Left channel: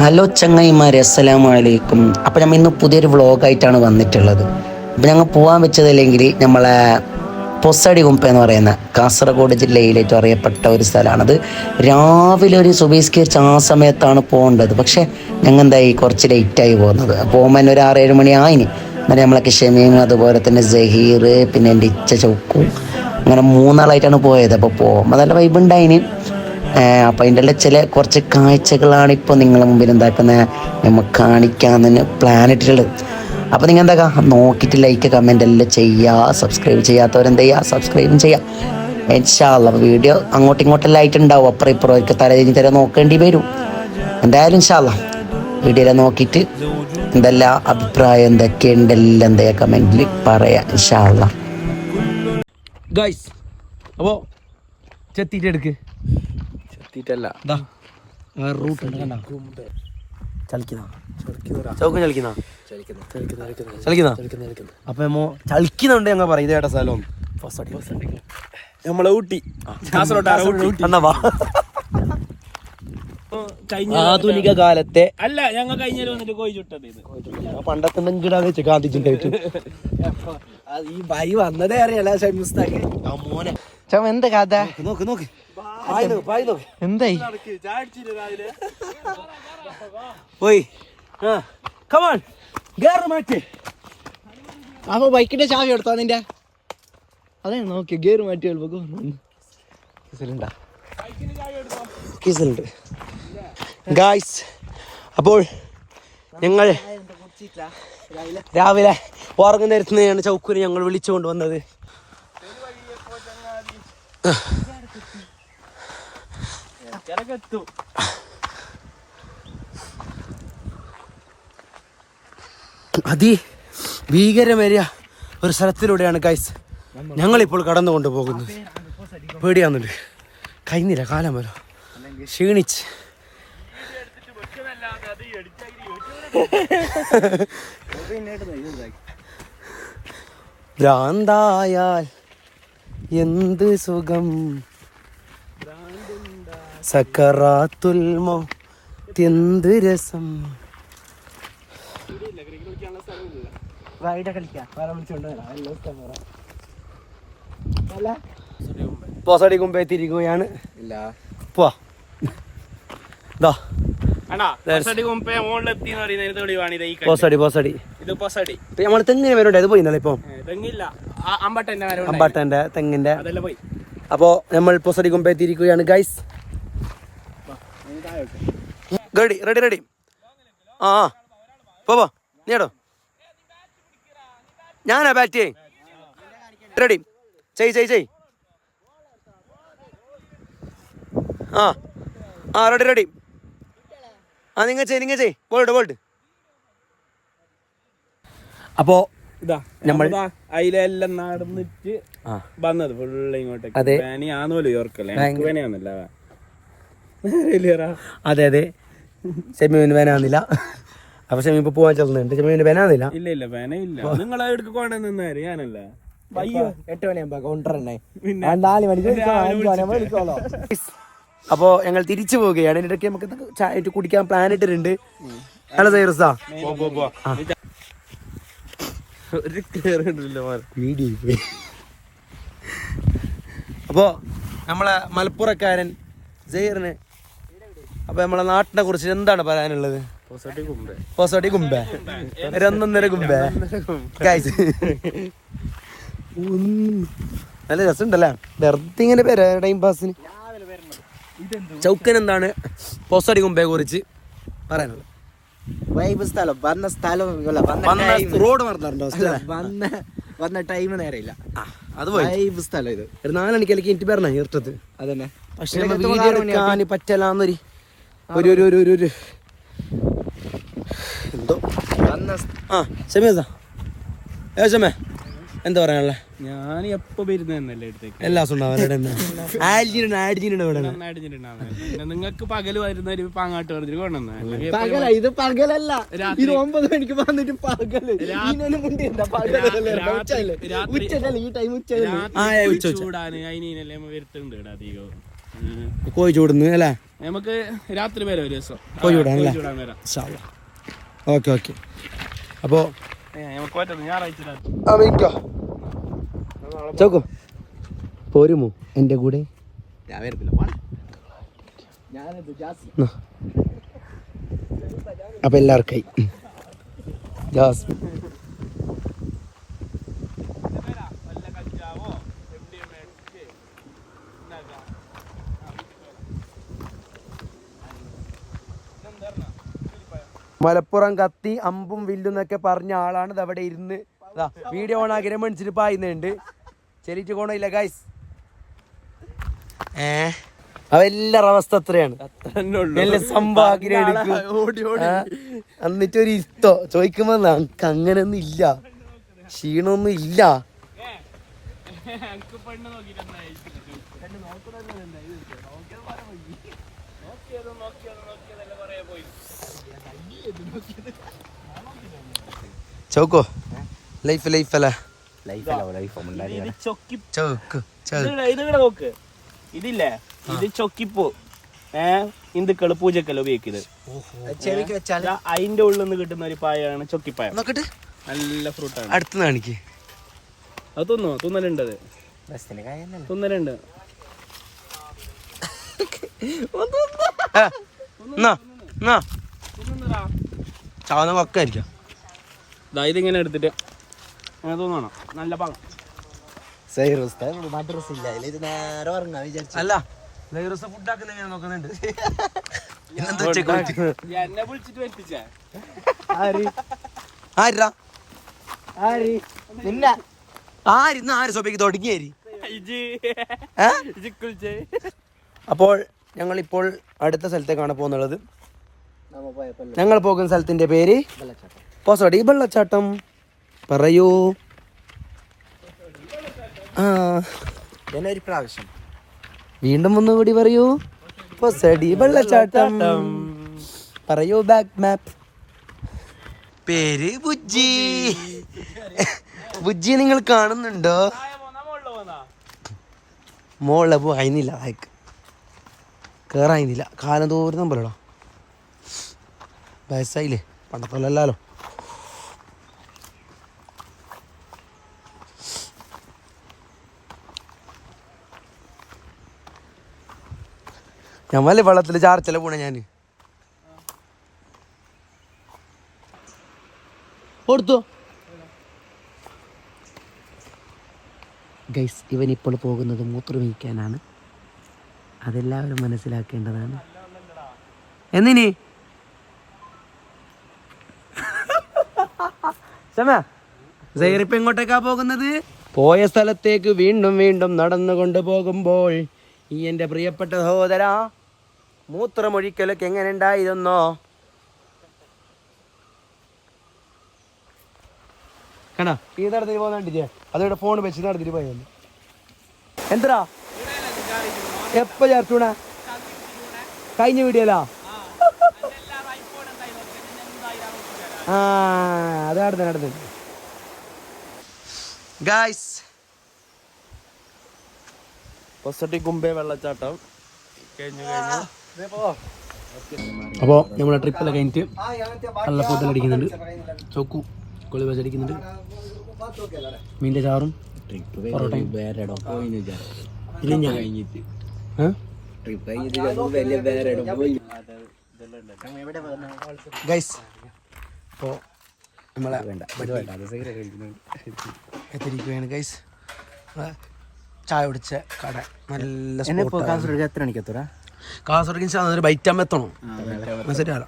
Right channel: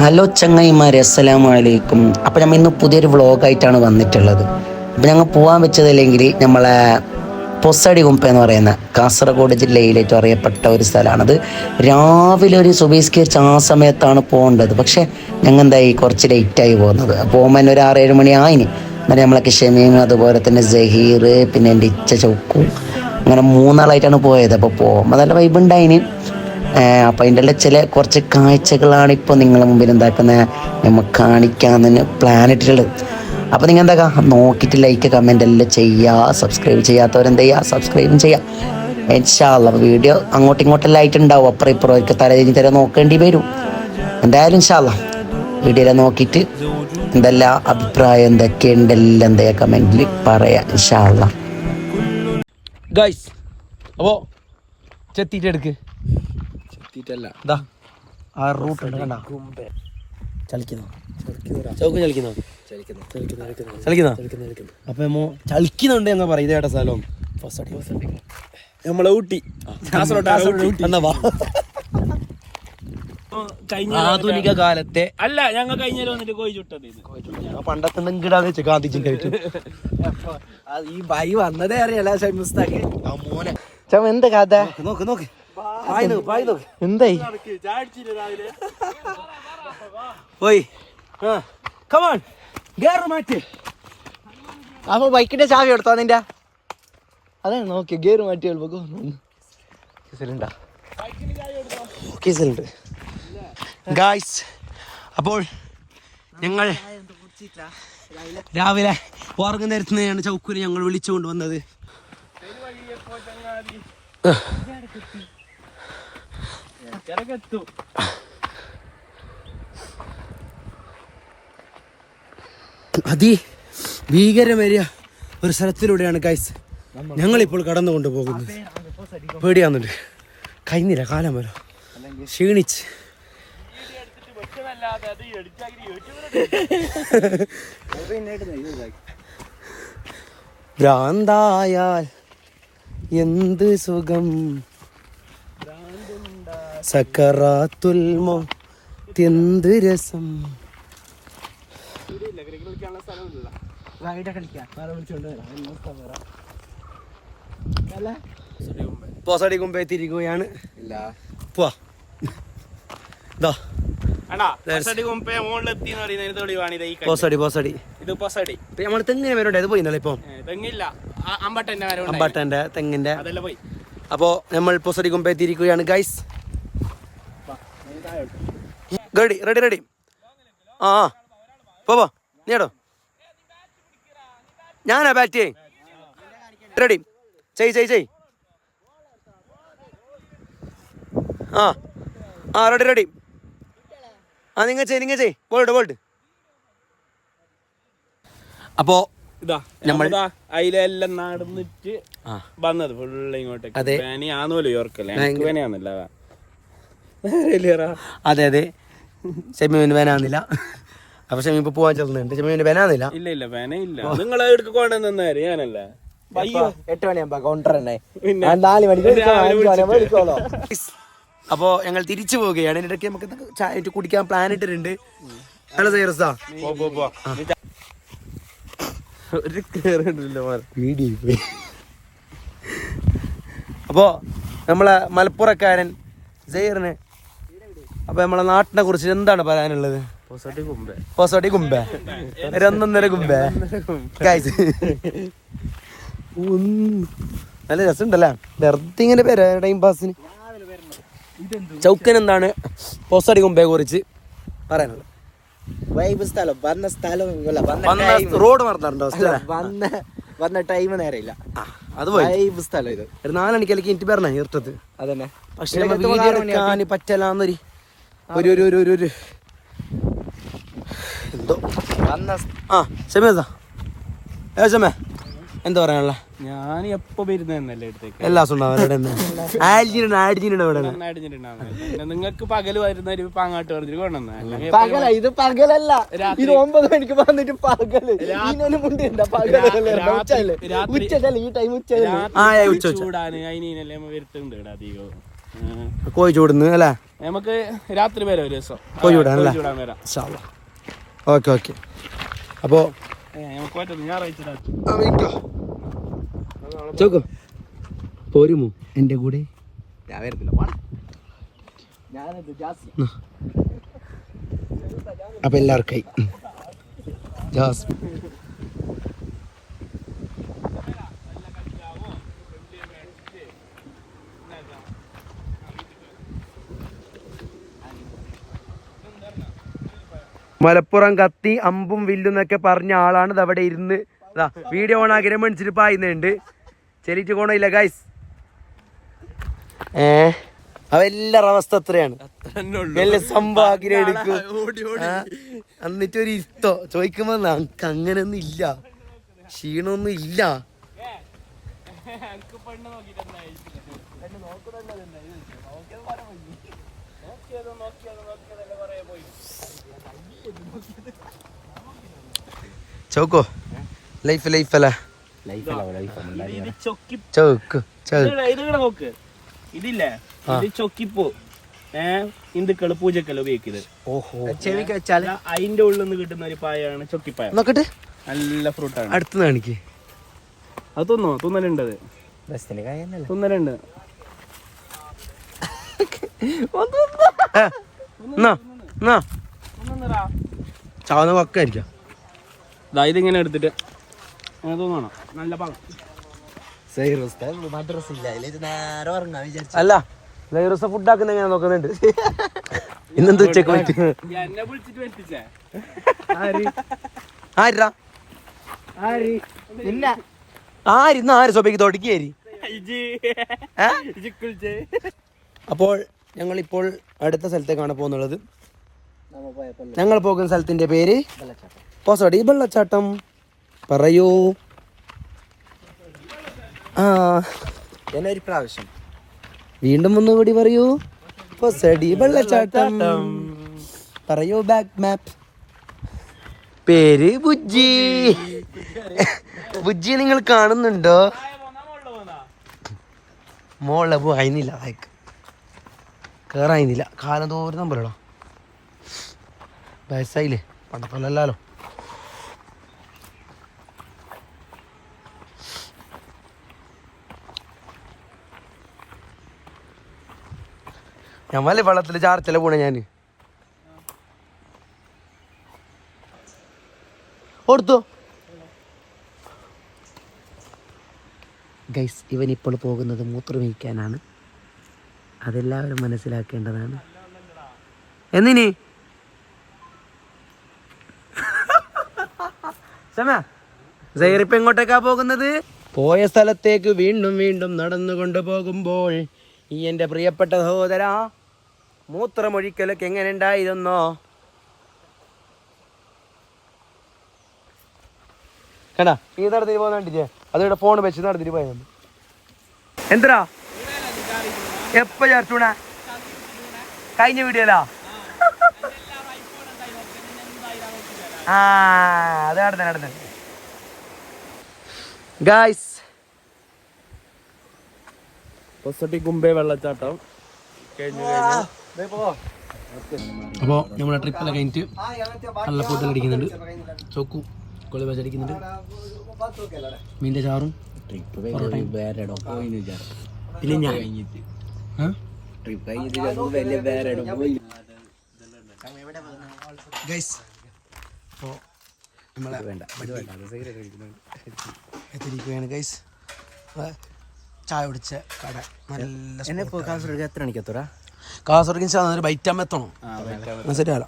Hello ചങ്ങായിമാരെ, അസ്സലാമു അലൈക്കും. അപ്പോൾ നമ്മൾ ഇന്ന് പുതിയൊരു വ്ളോഗായിട്ടാണ് വന്നിട്ടുള്ളത്. അപ്പോൾ ഞങ്ങൾ പോകാൻ വെച്ചതല്ലെങ്കിൽ നമ്മളെ പൊസടി കുമ്പ എന്ന് പറയുന്ന കാസർഗോഡ് ജില്ലയിലേറ്റ് അറിയപ്പെട്ട ഒരു സ്ഥലമാണത്. രാവിലെ ഒരു സുബഹിസ്കരിച്ച് ആ സമയത്താണ് പോകേണ്ടത്. പക്ഷേ ഞങ്ങൾ എന്തായി കുറച്ച് ലേറ്റായി പോകുന്നത്. പോകുമ്പോൾ തന്നെ ഒരു 6-7 മണി ആയിന്. എന്നിട്ട് നമ്മളൊക്കെ ഷമീം, അതുപോലെ തന്നെ സഹീർ, പിന്നെ എൻ്റെ ഇച്ച ചൗക്കും, അങ്ങനെ 3 ആളായിട്ടാണ് പോയത്. അപ്പോൾ പോകുമ്പോൾ നല്ല വൈബ് ഉണ്ടായിന്. അപ്പം അതിൻ്റെ എല്ലാം ചില കുറച്ച് കാഴ്ചകളാണ് ഇപ്പോൾ നിങ്ങളുടെ മുമ്പിൽ എന്താക്കുന്നത് നമുക്ക് കാണിക്കാമെന്ന് പ്ലാൻ ഇട്ടിട്ടുള്ളത്. അപ്പോൾ നിങ്ങൾ എന്താക്കാം, നോക്കിയിട്ട് ലൈക്ക് കമൻ്റ് എല്ലാം ചെയ്യുക. സബ്സ്ക്രൈബ് ചെയ്യാത്തവരെന്ത് ചെയ്യുക, സബ്സ്ക്രൈബും ചെയ്യുക. ഇൻഷാ അല്ലാഹ് വീഡിയോ അങ്ങോട്ടും ഇങ്ങോട്ടെല്ലാം ആയിട്ടുണ്ടാവും. അപ്പുറം ഇപ്പുറം അവർക്ക് തലതിരിഞ്ഞ് തരാൻ നോക്കേണ്ടി വരും. എന്തായാലും ഇൻഷാ അല്ലാഹ് വീഡിയോയിൽ നോക്കിയിട്ട് എന്തെല്ലാം അഭിപ്രായം എന്തൊക്കെയുണ്ട് എല്ലാം എന്താ കമൻറ്റിൽ പറയാം ഇൻഷാ അല്ലാഹ്. ഗൈസ് അപ്പോൾ ചെത്തിയിട്ട് എടുക്ക്. ചെത്തിയിട്ടല്ല, ആ റൂട്ട് ഉണ്ട് കണ്ട, ചലിക്കുന്ന ചൗക്ക് ചലിക്കുന്ന അപ്പൊ നമ്മ ചലിക്കുന്നുണ്ട് ഞങ്ങൾ പറയും. ഇതേട്ടാ സ്ഥലം നമ്മളെ ഊട്ടി, ആധുനിക കാലത്തെ അല്ല ഞങ്ങൾ കഴിഞ്ഞ വന്നിട്ട് കോഴി ചുട്ടത്. പണ്ടത്തെ എന്തെങ്കിലും ഗാന്ധിജിണ്ടായിട്ട് ഈ ബൈ വന്നതേ അറിയാലോ മോനെ എന്താ കഥ. നോക്ക് നോക്ക് എന്തായി പോയി. കമാൺ ഗേറ് മാറ്റി. അപ്പൊ ബൈക്കിന്റെ ചാവി എടുത്തോ നിന്റെ? അതെ നോക്കി ഗേറ് മാറ്റി കീസലുണ്ട് ഗായ്സ്. അപ്പോൾ ഞങ്ങൾ രാവിലെ ഉറങ്ങുന്ന നേരത്തുനിന്നാണ് ചൗക്കുനെ ഞങ്ങൾ വിളിച്ചുകൊണ്ട് വന്നത്. ഭീകരമേറിയ ഒരു സ്ഥലത്തിലൂടെയാണ് ഗൈസ് ഞങ്ങളിപ്പോൾ കടന്നു കൊണ്ടുപോകുന്നത്. പേടിയാവുന്നുണ്ട്, കഴിഞ്ഞില്ല കാലം വരും, ക്ഷീണിച്ച്. ഭ്രാന്തായാൽ എന്ത് സുഖം, സക്കറാത്തുൽ മൗത്ത് രസം. പോസടി കുമ്പേ തിരികുകയാണ്. നമ്മൾ തെങ്ങിന് വരണ്ടേ, അത് പോയിന്നല്ലേ ഇപ്പൊ അമ്പാട്ടന്റെ തെങ്ങിന്റെ. അപ്പോ നമ്മൾ പൊസടി കുമ്പേ തിരിക്കുകയാണ് ഗൈസ്. Ready ready ready. ആ പോ നീടോ, ഞാനാ ബാറ്റ്. റെഡി, ചെയ്. ആ റെഡി റെഡി. ആ നിങ്ങൾ ചെയ് ബോൾട്ട്. അപ്പോ ഇതാ നമ്മൾ അതിലെല്ലാം നടന്നിട്ട് വന്നത് ഫുള്ള് ഇങ്ങോട്ടേക്ക്. അതെ ഷെമീന് വേനാന്നില്ല. അപ്പൊ ഷെമി ഇപ്പൊ പോവാൻ ചെല്ലുന്നുണ്ട്. ഷെമീന് വേനാന്നില്ല. ഇല്ല വേനയില്ല. നിങ്ങളെ എടുക്ക കൊണ്ടുവന്നേര് ഞാനല്ലേ. 8 മണിയാകുമ്പോ കൗണ്ടർ തന്നെ 4 മണിക്ക്. അപ്പോ ഞങ്ങൾ തിരിച്ചു പോവുകയാണ്. ഇതിടയ്ക്ക് നമുക്ക് ചായ കുടിക്കാൻ പ്ലാൻ ഇട്ടിട്ടുണ്ട്. നല്ല തയ്യാറാ അപ്പോ നമ്മളെ മലപ്പുറക്കാരൻ സൈറിനെ, അപ്പൊ നമ്മളെ നാട്ടിനെ കുറിച്ച് എന്താണ് പറയാനുള്ളത്? പൊസടി കുമ്പേ 1.5 കുമ്പേ. നല്ല രസമുണ്ടല്ലേ, വെറുതെ ഇങ്ങനെ പേര് ടൈം പാസിന്. ചൗക്കൻ എന്താണ് പൊസടി കുമ്പയെ കുറിച്ച് പറയാനുള്ളത്? റോഡ് മറന്നിട്ടുണ്ടോ? വന്ന ടൈം നേരെയില്ല. അത് സ്ഥലം ഇത് 4 മണിക്കലേക്ക് എനിക്ക് പറഞ്ഞ ഈർട്ടത് അതന്നെ. പക്ഷെ വീഡിയോ എടുക്കാൻ പറ്റലാന്നൊരു എന്തോ. ഷമേ എന്താ പറയാനുള്ള? ഞാൻ എപ്പോ വരുന്നല്ലേ അടുത്തേക്ക് എല്ലാ നിങ്ങൾക്ക് പകല് വരുന്ന അങ്ങോട്ട് പറഞ്ഞിട്ട് കൊണ്ടുവന്ന ഇത് പകലല്ല, ഇത് 9 മണിക്ക് വന്നിട്ട് ചൂടാണ് അതിനല്ലേ വരുത്തുണ്ട് അധികം. കോഴിച്ചോടുന്ന് അല്ലേ? നമുക്ക് രാത്രി വരാം ഒരു ദിവസം. കോഴിച്ചോടാണല്ലേ? കോഴിച്ചോടാൻ വരാം. Okay okay. അപ്പോൾ നമുക്ക് പറ്റും ഞായറാഴ്ച ചോക്കോ പോരുമോ എൻ്റെ കൂടെ? ഞാൻ വരത്തില്ല. അപ്പം എല്ലാവർക്കായി ജാസ് മലപ്പുറം കത്തി അമ്പും വില്ലും എന്നൊക്കെ പറഞ്ഞ ആളാണ് ഇത് അവിടെ ഇരുന്ന് വീഡിയോ ഓൺ ആക്കി മണിച്ചിട്ട് പായുന്നുണ്ട്. ചെലിറ്റ് കോണയില്ല ഗൈസ്. എല്ലാവരുടെ അവസ്ഥ അത്രയാണ്. എന്നിട്ടൊരു ഇഷ്ടോ ചോദിക്കുമ്പോ നമുക്ക് അങ്ങനൊന്നും ഇല്ല, ക്ഷീണമൊന്നും ഇല്ല. ചോക്കോ ലൈഫ് അല്ലേ? ചോക്ക് നോക്ക്, ഇതില്ലേ ഇത് ചൊക്കിപ്പൂ ഹിന്ദുക്കള് പൂജക്കല്ല ഉപയോഗിക്കുന്നത്. അതിന്റെ ഉള്ളിൽ നിന്ന് കിട്ടുന്ന ഒരു പായാണ് ചൊക്കിപ്പായ. നോക്കട്ടെ, നല്ല ഫ്രൂട്ടാണ്. അടുത്ത് കാണിക്ക്. അത് തിന്നോ? തിന്നലുണ്ട്, തിന്നലുണ്ട്. ചാവുന്ന പക്കായിരിക്കാം. ഇതിങ്ങനെ എടുത്തിട്ട് അങ്ങനെ തോന്നണം. നല്ല പാകം. അല്ല ഫുഡ് ആക്കുന്ന എങ്ങനെ നോക്കുന്നുണ്ട്. ഇന്നെന്ത് ഉച്ചക്ക് എന്നെ വിളിച്ചിട്ട് വരുത്തിച്ചാ ആര് സ്വഭയ്ക്ക് തൊടക്കിയേരി. അപ്പോൾ ഞങ്ങളിപ്പോൾ അടുത്ത സ്ഥലത്തേക്കാണ് പോകുന്നുള്ളത്. ഞങ്ങൾ പോകുന്ന സ്ഥലത്തിന്റെ പേര് പൊസടി വെള്ളച്ചാട്ടം. പറയൂ. ഒരു പ്രാവശ്യം വീണ്ടും ഒന്നുകൂടി പറയൂ. പൊസടി വെള്ളച്ചാട്ടം. പറയൂ. ബാക്ക് മാപ്പ്. പേര് ബുജ്ജി. ബുജ്ജി നിങ്ങൾ കാണുന്നുണ്ടോ? മോളെ പോയില്ല, വായിക്ക് കേറായില്ല. കാലം തോരുന്ന പോലെടാ, വയസ്സായില്ലേ, പണ്ടപ്പോലല്ലോ. ഞമ്മല്ലേ വെള്ളത്തിൽ ചാർച്ചല പോണേ. ഞാൻ കൊടുത്തു ഗൈസ്. ഇവൻ ഇപ്പോൾ പോകുന്നത് മൂത്രമൊഴിക്കാനാണ്, അതെല്ലാവരും മനസ്സിലാക്കേണ്ടതാണ്. എന്തിനി സൈറിപ്പ് എങ്ങോട്ടേക്കാ പോകുന്നത്? പോയ സ്ഥലത്തേക്ക് വീണ്ടും വീണ്ടും നടന്നുകൊണ്ട് പോകുമ്പോൾ ഈ എൻ്റെ പ്രിയപ്പെട്ട സഹോദര മൂത്രമൊഴിക്കലൊക്കെ എങ്ങനെ ഉണ്ടായിരുന്നോ? കേട്ടാ ഈ നടന്നിട്ട് പോകുന്ന കണ്ടില്ലേ? അതിവിടെ ഫോൺ വെച്ച് നടന്നിട്ട് പോയത് എന്താ എപ്പ ചേർച്ചൂണ കഴിഞ്ഞ വീഡിയോലാ? അത് നടന്നു ഗായ്സ്. പൊസടി കുമ്പേ വെള്ളച്ചാട്ടം കഴിഞ്ഞു. അപ്പോൾ നമ്മുടെ ട്രിപ്പെല്ലാം കഴിഞ്ഞിട്ട് നല്ല ഫുഡ് അടിക്കുന്നുണ്ട്. ചോക്കു കൊളി അടിക്കുന്നുണ്ട്. മീൻ്റെ ചാറും പിന്നെ ഞാൻ ഗൈസ്. അപ്പോൾ നമ്മളെ എത്തിരിക്കുകയാണ് ഗൈസ്. ചായ കുടിച്ച കട നല്ല എത്ര മണിക്കെത്തൂടാ? കാസർഗോഡ് ബൈറ്റാമെത്തണോ? ശരിയാലോ.